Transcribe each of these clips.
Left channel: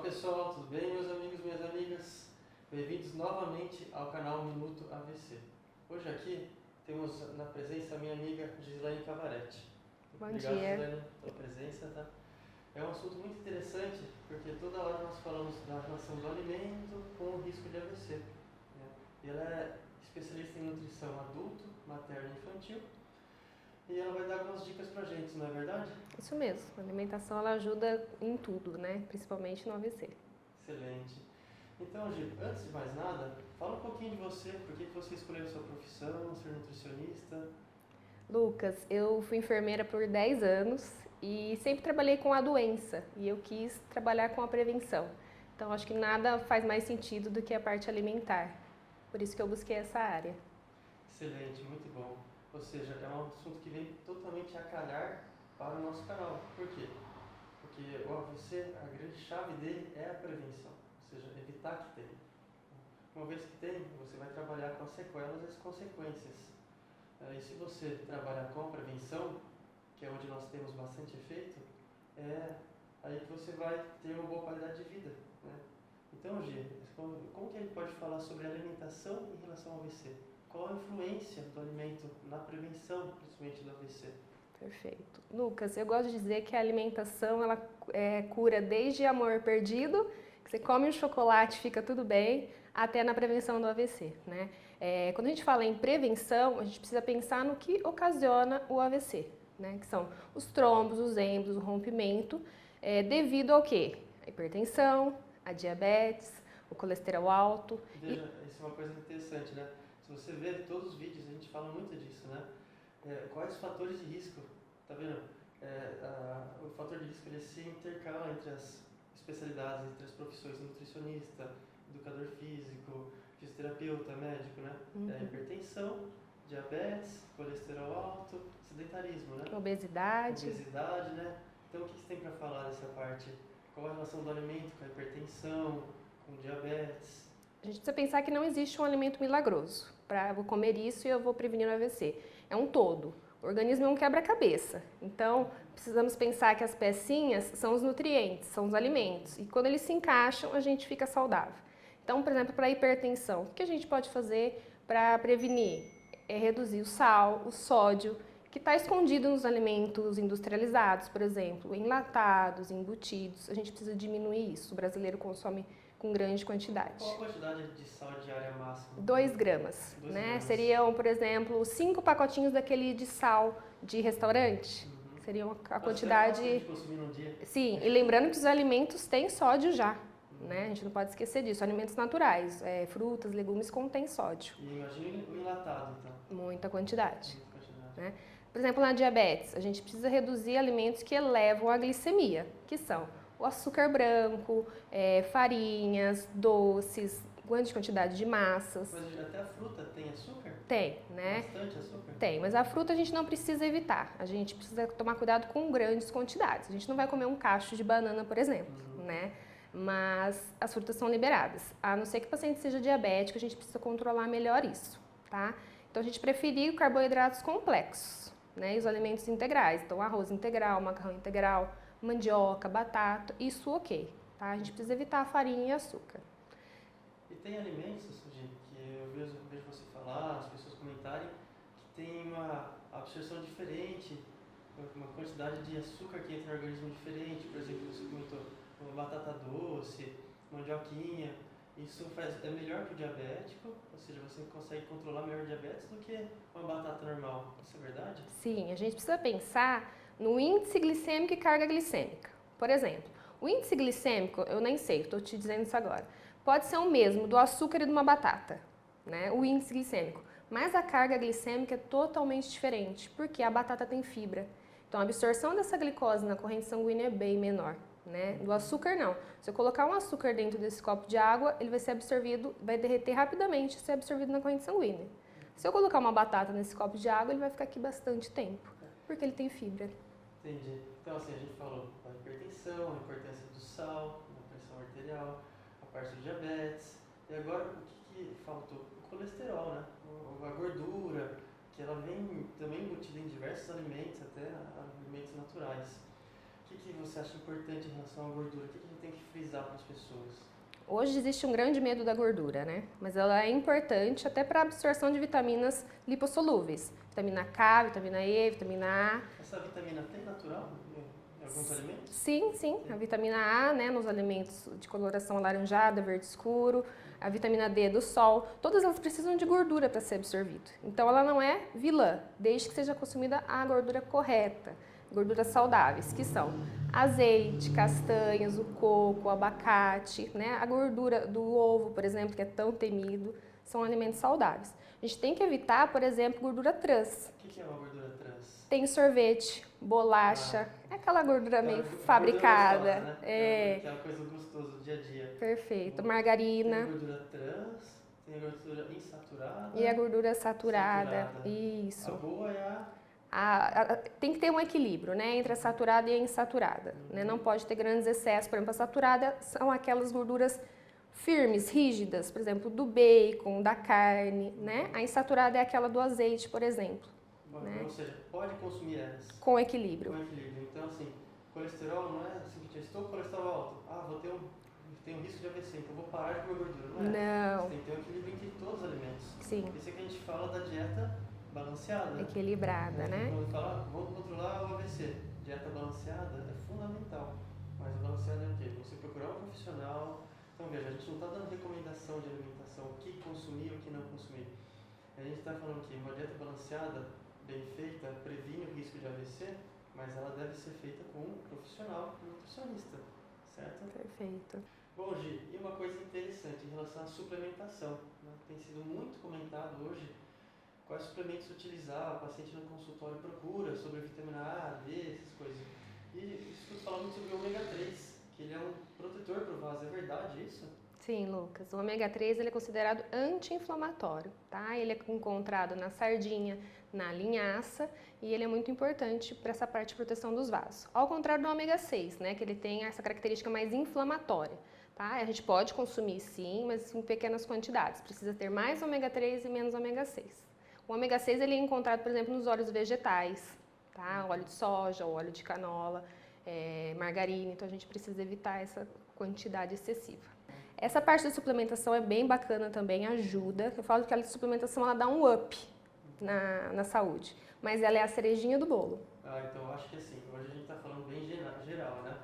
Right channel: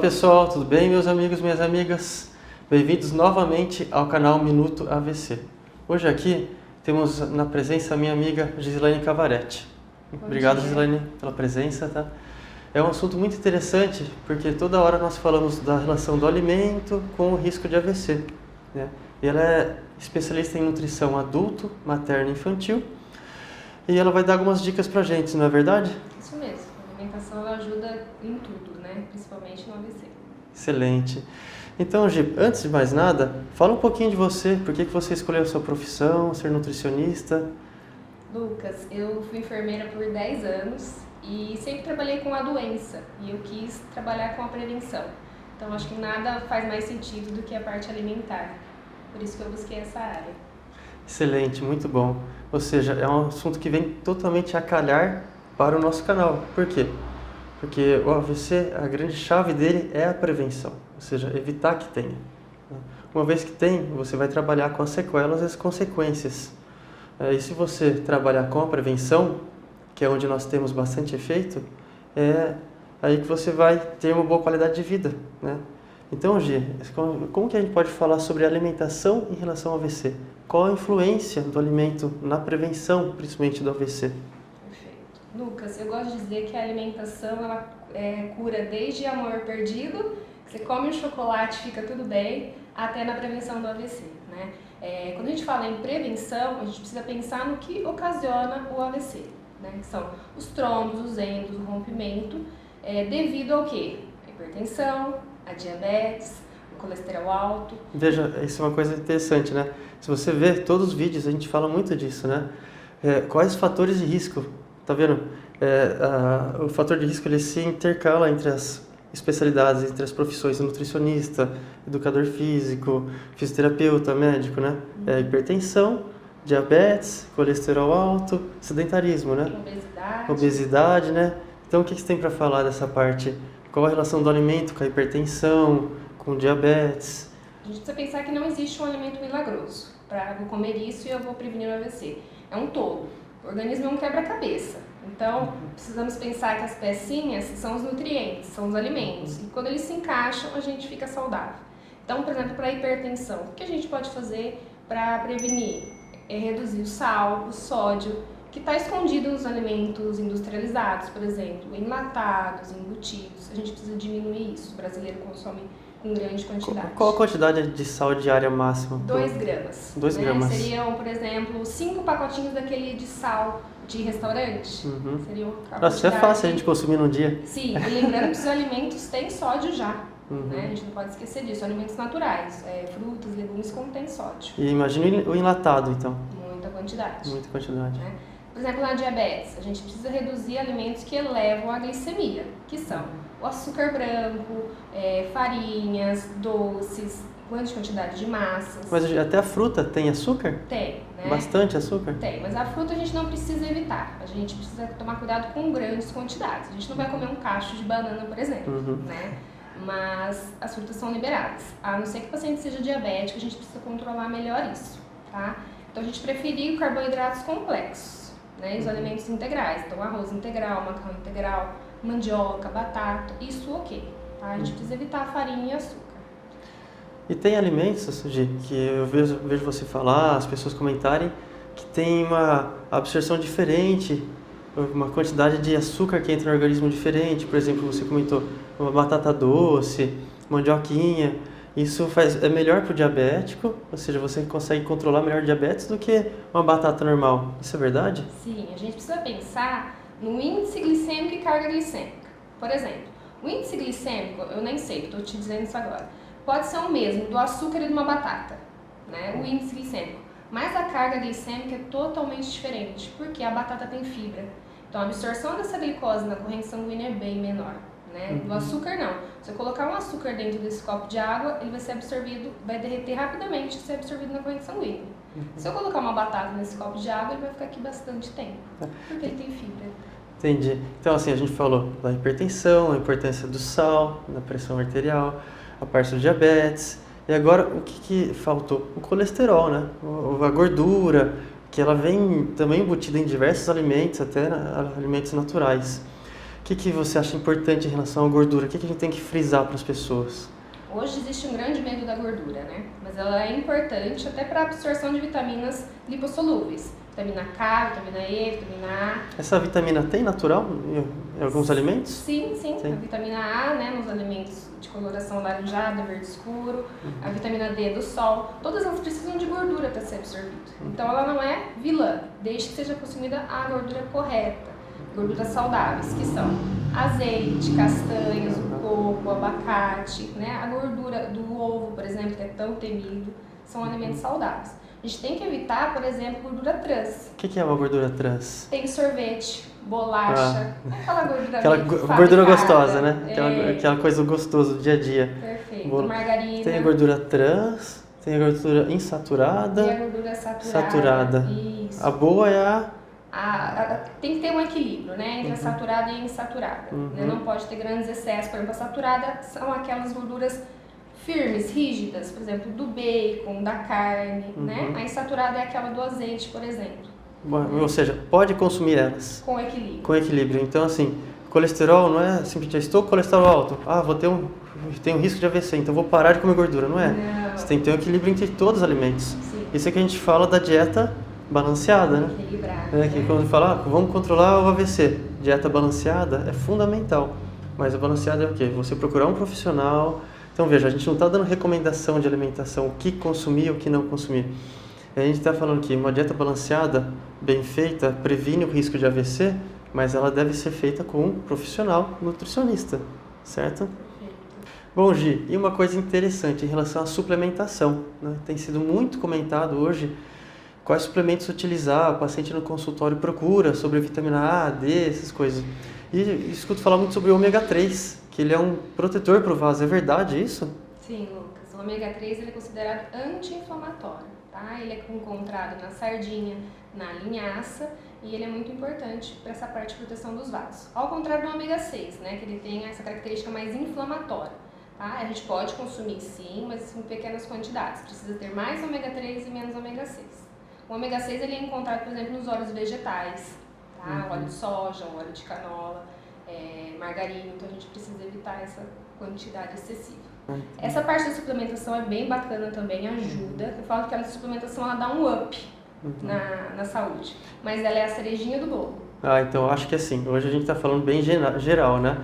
pessoal, tudo bem, meus amigos, minhas amigas? Bem-vindos novamente ao canal Minuto AVC. Hoje aqui temos na presença a minha amiga Gislaine Cavaretti. Obrigado, Gislaine, pela presença, tá? É um assunto muito interessante porque toda hora nós falamos da relação do alimento com o risco de AVC, né? E ela é especialista em nutrição adulto, materno e infantil e ela vai dar algumas dicas pra gente, não é verdade? Isso mesmo, a alimentação ela ajuda em tudo, né? Principalmente no AVC. Excelente. Então, Gi, antes de mais nada, fala um pouquinho de você, por que você escolheu a sua profissão, ser nutricionista? Lucas, eu fui enfermeira por 10 anos e sempre trabalhei com a doença e eu quis trabalhar com a prevenção. Então, acho que nada faz mais sentido do que a parte alimentar. Por isso que eu busquei essa área. Excelente, muito bom. Ou seja, é um assunto que vem totalmente a calhar para o nosso canal. Por quê? Porque o AVC, a grande chave dele é a prevenção, ou seja, evitar que tenha. Uma vez que tem, você vai trabalhar com as sequelas e as consequências. E se você trabalhar com a prevenção, que é onde nós temos bastante efeito, é aí que você vai ter uma boa qualidade de vida, né? Então, Gi, como que a gente pode falar sobre alimentação em relação ao AVC? Qual a influência do alimento na prevenção, principalmente do AVC? Perfeito. Lucas, eu gosto de dizer que a alimentação ela cura desde amor perdido, que você come um chocolate fica tudo bem, até na prevenção do AVC, né? Quando a gente fala em prevenção, a gente precisa pensar no que ocasiona o AVC, né? Que são os trombos, os endos, o rompimento, devido ao quê? A hipertensão, a diabetes, o colesterol alto. Veja, isso é uma coisa interessante, né? Se você ver todos os vídeos, a gente fala muito disso, né? Quais os fatores de risco? Tá vendo? O fator de risco ele se intercala entre as especialidades, entre as profissões, nutricionista, educador físico, fisioterapeuta, médico, né? Hipertensão, diabetes, colesterol alto, sedentarismo, né? Obesidade, né? Então, o que você tem para falar dessa parte? Qual a relação do alimento com a hipertensão, com diabetes? A gente precisa pensar que não existe um alimento milagroso. Vou comer isso e eu vou prevenir o AVC. É um todo. O organismo é um quebra-cabeça. Então, precisamos pensar que as pecinhas são os nutrientes, são os alimentos. E quando eles se encaixam, a gente fica saudável. Então, por exemplo, para a hipertensão, o que a gente pode fazer para prevenir? É reduzir o sal, o sódio, que está escondido nos alimentos industrializados, por exemplo, enlatados, embutidos. A gente precisa diminuir isso. O brasileiro consome com grande quantidade. Qual a quantidade de sal diária máxima? 2 gramas. 2 gramas. Seriam, por exemplo, 5 pacotinhos daquele de sal de restaurante. Uhum. Seriam Nossa, é fácil a gente consumir num dia. Sim, e lembrando que os alimentos têm sódio já. Uhum. Né? A gente não pode esquecer disso. Alimentos naturais, frutas, legumes contêm sódio. E imagine o enlatado, então. Muita quantidade. Muita quantidade. Né? Por exemplo, na diabetes, a gente precisa reduzir alimentos que elevam a glicemia, que são o açúcar branco, farinhas, doces, grande quantidade de massas. Mas até a fruta tem açúcar? Tem, né? Bastante açúcar? Tem, mas a fruta a gente não precisa evitar. A gente precisa tomar cuidado com grandes quantidades. A gente não vai comer um cacho de banana, por exemplo, né? Mas as frutas são liberadas. A não ser que o paciente seja diabético, a gente precisa controlar melhor isso, tá? Então a gente preferir carboidratos complexos, né? E os alimentos integrais. Então arroz integral, macarrão integral, mandioca, batata, isso ok, tá? A gente precisa evitar farinha e açúcar. E tem alimentos, Gi, que eu vejo você falar, as pessoas comentarem, que tem uma absorção diferente, uma quantidade de açúcar que entra no organismo diferente. Por exemplo, você comentou uma batata doce, mandioquinha. Isso é melhor para o diabético, ou seja, você consegue controlar melhor o diabetes do que uma batata normal. Isso é verdade? Sim, a gente precisa pensar no índice glicêmico e carga glicêmica. Por exemplo, o índice glicêmico, eu nem sei, estou te dizendo isso agora, pode ser o mesmo do açúcar e de uma batata, né? O índice glicêmico. Mas a carga glicêmica é totalmente diferente, porque a batata tem fibra. Então a absorção dessa glicose na corrente sanguínea é bem menor, né? Do açúcar não. Se eu colocar um açúcar dentro desse copo de água, ele vai ser absorvido, vai derreter rapidamente e ser absorvido na corrente sanguínea. Se eu colocar uma batata nesse copo de água, ele vai ficar aqui bastante tempo, porque ele tem fibra. Entendi. Então, assim, a gente falou da hipertensão, a importância do sal, da pressão arterial, a parte do diabetes. E agora, o que faltou? O colesterol, né? A gordura, que ela vem também embutida em diversos alimentos, até alimentos naturais. que você acha importante em relação à gordura? O que a gente tem que frisar para as pessoas? Hoje existe um grande medo da gordura, né? Mas ela é importante até para a absorção de vitaminas lipossolúveis. Vitamina K, vitamina E, vitamina A. Essa vitamina tem natural em alguns alimentos? Sim, sim. A vitamina A, né, nos alimentos de coloração laranjada, verde escuro. A vitamina D do sol. Todas elas precisam de gordura para ser absorvida. Então ela não é vilã, desde que seja consumida a gordura correta. Gorduras saudáveis, que são azeite, castanhas, o coco, o abacate, né? A gordura do ovo, por exemplo, que é tão temido, são alimentos saudáveis. A gente tem que evitar, por exemplo, gordura trans. O que é uma gordura trans? Tem sorvete, bolacha, aquela gordura aquela meio gordura fabricada. gostosa, né? Aquela coisa gostosa do dia a dia. Perfeito. Margarina. Tem a gordura trans, tem a gordura insaturada. E a gordura saturada. Saturada. Isso. A boa é a... Tem que ter um equilíbrio, né, entre a saturada e a insaturada. Né? Não pode ter grandes excessos. Por exemplo, a saturada são aquelas gorduras firmes, rígidas, por exemplo, do bacon, da carne, né? A insaturada é aquela do azeite, por exemplo. Ou seja, pode consumir elas. Com equilíbrio. Com equilíbrio. Então, assim, colesterol não é simplesmente, estou com colesterol alto, tenho risco de AVC, então vou parar de comer gordura. Não é. Não. Você tem que ter um equilíbrio entre todos os alimentos. Sim. Isso é que a gente fala da dieta balanceada, né? Equilibrada. Que quando fala, vamos controlar o AVC, dieta balanceada é fundamental. Mas a balanceada é o quê? Você procurar um profissional. Então veja, a gente não está dando recomendação de alimentação, o que consumir, o que não consumir. A gente está falando que uma dieta balanceada, bem feita, previne o risco de AVC, mas ela deve ser feita com um profissional nutricionista, certo? Perfeito. Bom, Gi, e uma coisa interessante em relação à suplementação, né? Tem sido muito comentado hoje quais suplementos utilizar, o paciente no consultório procura sobre vitamina A, D, essas coisas. E escuto falar muito sobre o ômega 3, que ele é um protetor para o vaso, é verdade isso? Sim, Lucas. O ômega 3 ele é considerado anti-inflamatório, tá? Ele é encontrado na sardinha, na linhaça, e ele é muito importante para essa parte de proteção dos vasos. Ao contrário do ômega 6, né, que ele tem essa característica mais inflamatória. Tá? A gente pode consumir sim, mas em pequenas quantidades. Precisa ter mais ômega 3 e menos ômega 6. O ômega 6 ele é encontrado, por exemplo, nos óleos vegetais, tá? Óleo de soja, óleo de canola, margarina, então a gente precisa evitar essa quantidade excessiva. Essa parte da suplementação é bem bacana também, ajuda. Eu falo que a suplementação ela dá um up na saúde, mas ela é a cerejinha do bolo. Então acho que assim, hoje a gente está falando bem geral, né?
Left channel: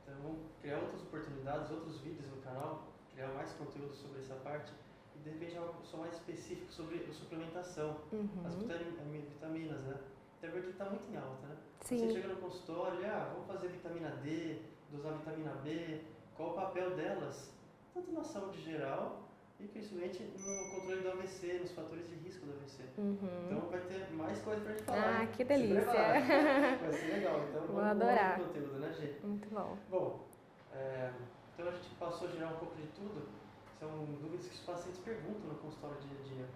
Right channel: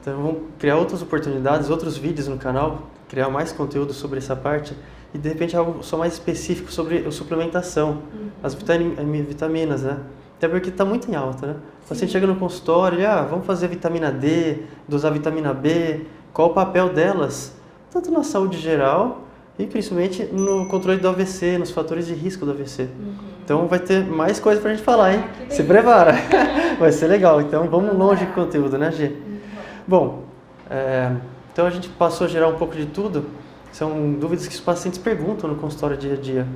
Então vamos criar outras oportunidades, outros vídeos no canal, criar mais conteúdo sobre essa parte e de repente algo só mais específico sobre a suplementação, as vitaminas, né? Até porque está muito em alta, né? O paciente chega no consultório e vamos fazer vitamina D, dosar vitamina B, qual o papel delas, tanto na saúde geral e principalmente no controle do AVC, nos fatores de risco do AVC. Então vai ter mais coisa pra gente falar, hein? Se prepara! Vai ser legal, então vamos longe com o conteúdo, né, Gi? Bom, então a gente passou a gerar um pouco de tudo, são dúvidas que os pacientes perguntam no consultório dia a dia.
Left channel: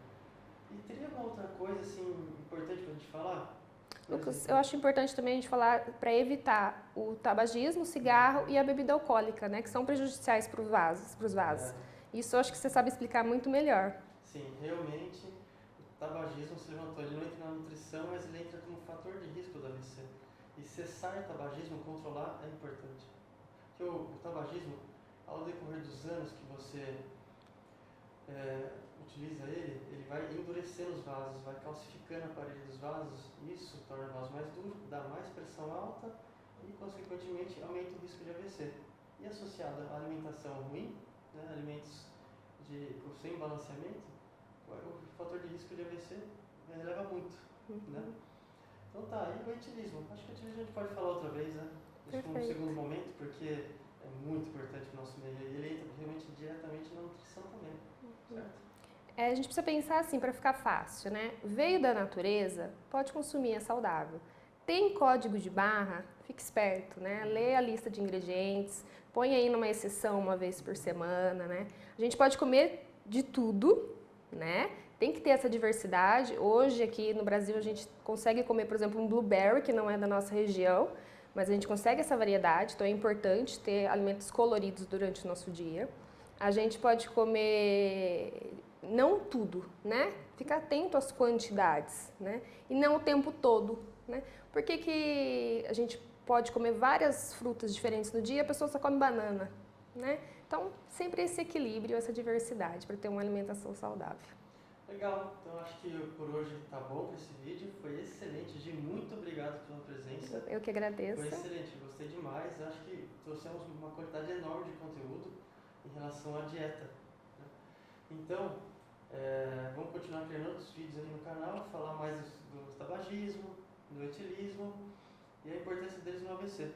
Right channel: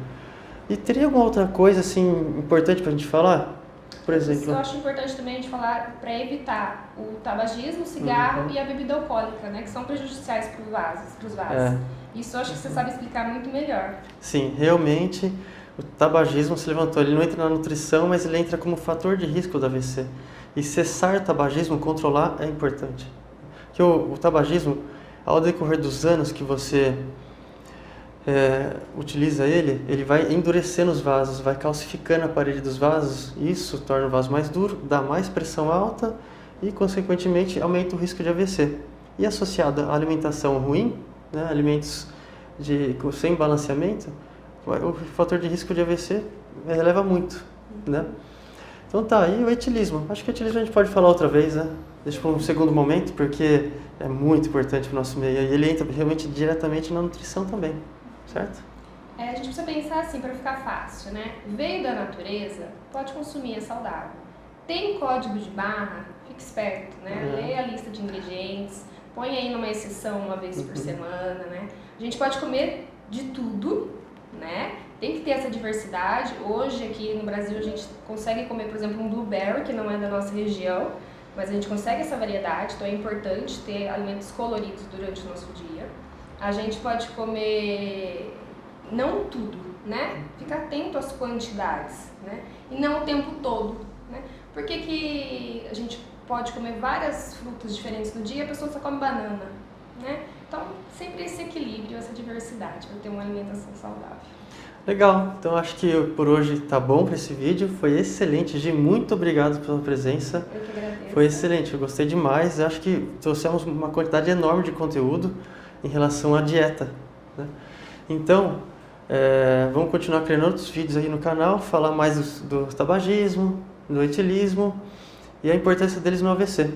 E teria alguma outra coisa assim importante pra gente falar? Por exemplo, eu acho importante também a gente falar para evitar o tabagismo, o cigarro e a bebida alcoólica, né, que são prejudiciais para os vasos. Isso eu acho que você sabe explicar muito melhor. Sim, realmente o tabagismo se levantou, ele não entra na nutrição, mas ele entra como fator de risco do AVC. E cessar o tabagismo, controlar, é importante. Porque o tabagismo, ao decorrer dos anos que você utiliza ele vai endurecendo os vasos, vai calcificando a parede dos vasos, isso torna o vaso mais duro, dá mais pressão alta e, consequentemente, aumenta o risco de AVC. E associado à alimentação ruim, né, alimentos sem balanceamento, o fator de risco de AVC eleva muito, né? Então tá, e o etilismo? Acho que o etilismo a gente pode falar outra vez, né? Deixa para um segundo momento, porque é muito importante para o nosso meio. E ele entra realmente diretamente na nutrição também, certo? A gente precisa pensar assim, para ficar fácil, né? Veio da natureza, pode consumir, é saudável. Tem código de barra, fique esperto, né? Lê a lista de ingredientes, põe aí numa exceção uma vez por semana, né? A gente pode comer de tudo, né? Tem que ter essa diversidade. Hoje aqui no Brasil a gente consegue comer, por exemplo, um blueberry, que não é da nossa região, mas a gente consegue essa variedade, então é importante ter alimentos coloridos durante o nosso dia. A gente pode comer, não tudo, né? Ficar atento às quantidades, né? E não o tempo todo, né? Por que a gente pode comer várias frutas diferentes no dia, a pessoa só come banana, né? Então, sempre esse equilíbrio, essa diversidade, para ter uma alimentação saudável. Legal, então acho que por hoje tá bom para esse vídeo, foi excelente, Gi, muito obrigado pela presença. Eu que agradeço. Foi excelente, eu gostei demais, eu acho que trouxemos uma quantidade enorme de conteúdo em relação à dieta, né? Então, vamos continuar criando outros vídeos aí no canal, falar mais do tabagismo, do etilismo e a importância deles no AVC.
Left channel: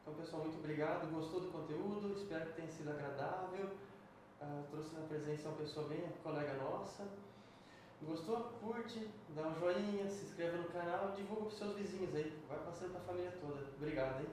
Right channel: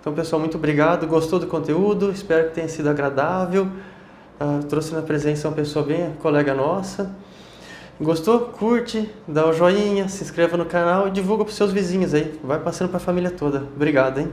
Então, pessoal, muito obrigado, gostou do conteúdo, espero que tenha sido agradável, trouxe na presença uma pessoa bem colega nossa. Gostou? Curte, dá o joinha, se inscreva no canal e divulga para os seus vizinhos aí. Vai passando para a família toda. Obrigado, hein?